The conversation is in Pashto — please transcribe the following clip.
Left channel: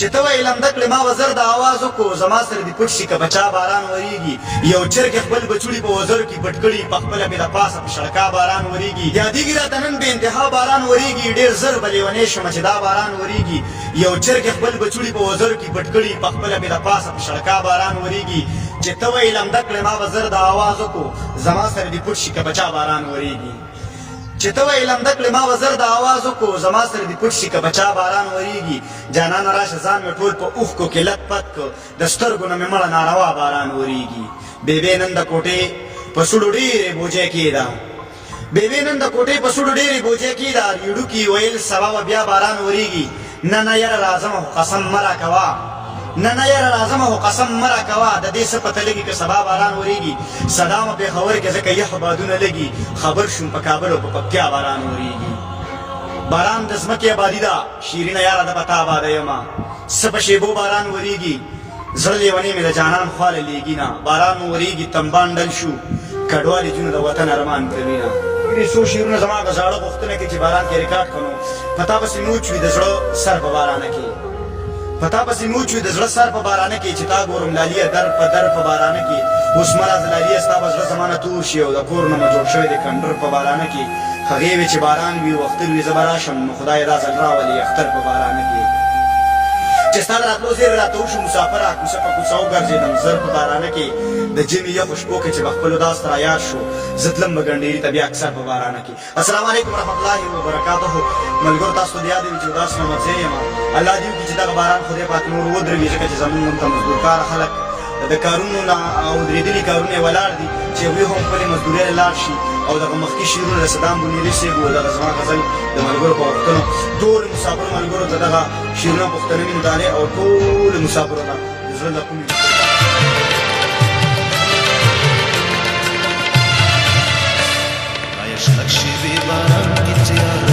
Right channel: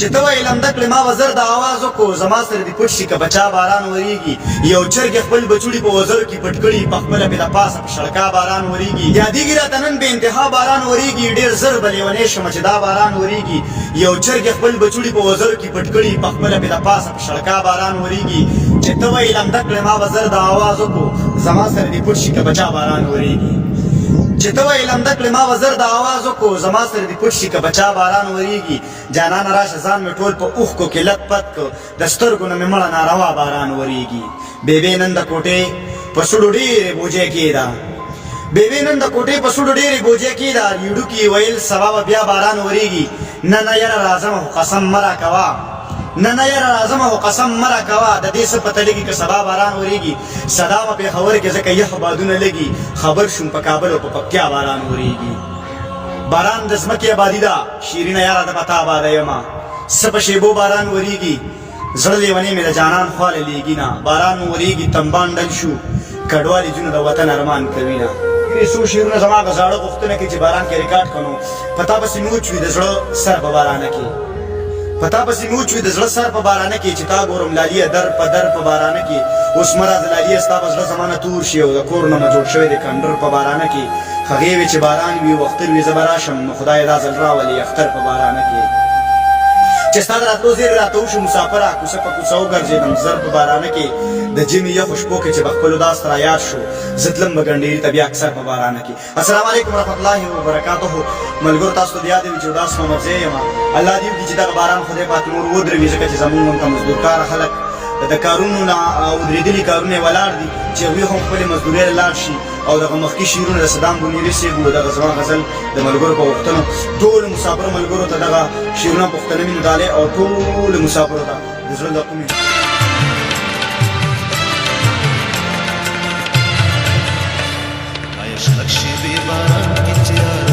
چې ته ویلم دکړې ما وزر د آواز وکړو زما سره دې پټ شي که بچا باران ورېږي یو چرګې خپل بچوړي په وزر کې پټ کړي په خپله مې د پاسه په شړکا باران ورېږي یادېږي راته نن بې انتها باران ورېږي ډېر زر به لیونی شمه چې دا باران ورېږي یو چرګې خپل بچوړي په وزر کې پټ کړي په خپله مې د پاسه په شړکا باران ورېږي چې ته ویلم دکړې ما وزر د آواز وکړو زما سره دې پټ شي که بچا باران ورېږي چې ته ویلم دکړې ما وزر د آواز وکړو زما سره دې پټ شي که بچا باران ورېږي جانانه راشه ځان مې ټول په اوښکو کې لت پت کړ د سترګو نه مې مړه ناروا باران ورېږي بېبې نن د کوټې په سوړو ډېرې بوجۍ کېده بېبې نن د کوټې په سوړو ډېرې بوجۍ کېده یوډوکي ویل سبا به بیا باران ورېږي نه نه یاره راځمه خو قسم مه راکوه نه نه یاره راځمه خو قسم مه راکوه د دې څه پته لګي که سبا باران ورېږي صدا مه پېښور کې ځکه یخ بادونه لګي خبر شوم په کابل او په پکتیا باران ورېږي باران د ځمکې آبادي ده شیرینه یاره د به تا آباده یمه څه په شیبو باران ورېږي زړه لیونی مې د جانان خواله لیږي نه باران ورېږي تنبان ډل شو کډوالې جونو د وطن ارمان کوي نه څو شعرونه زما هغه زاړه غوښتنه کې چې باران کې ریکارډ کړو په تا پسې مې وچوي د زړه سر په بارانه کې په تا پسې مې وچوي د زړه سر په بارانه کې چې تا ګورم لالیه در په در په بارانه کې اوس مه راځه لالیه ستا به زړه زما نه تور شي او د کور نه مه جوړ شوی دی کنډر په بارانه کې هغې وې چې باران وي او اختر وي زه به راشم نو خدای دا ځل راولي اختر په بارانه کې چې ستا د راتلو زیرې راته وشو مسافره کوڅه په کوڅه وګرځېدم زر په بارانه کې د ژمي یخو شپو کې چې به خپلو داس ته رایاد شو زه تلم به ګنډېري ته بیا اکثر په بارانه کې السلام علیکم ورحمت الله وبرکاتو ملګرو تاسو ته د یاد وي چې داس محمد زه یم الله دې وکړي چې دغه باران خدای پاک نور ودروي ځکه چې زموږ ملک مزدورکاره خلک د کارونو نه ودرېدلي کارونه یې ولاړ دي چې هغوی هم خپلې مزدورۍ له لاړ شي او دغه مخکې شعرونه د صدام بنیري صاحب و دغه زما غزل د ملګرو په غوښتنو ټولو مسافرو ملګرو ته دغه شعرونه پوښتنوي مطالعې او ټولو مسافرو ته د زړه له کومې عشق شیوه باران کی تیار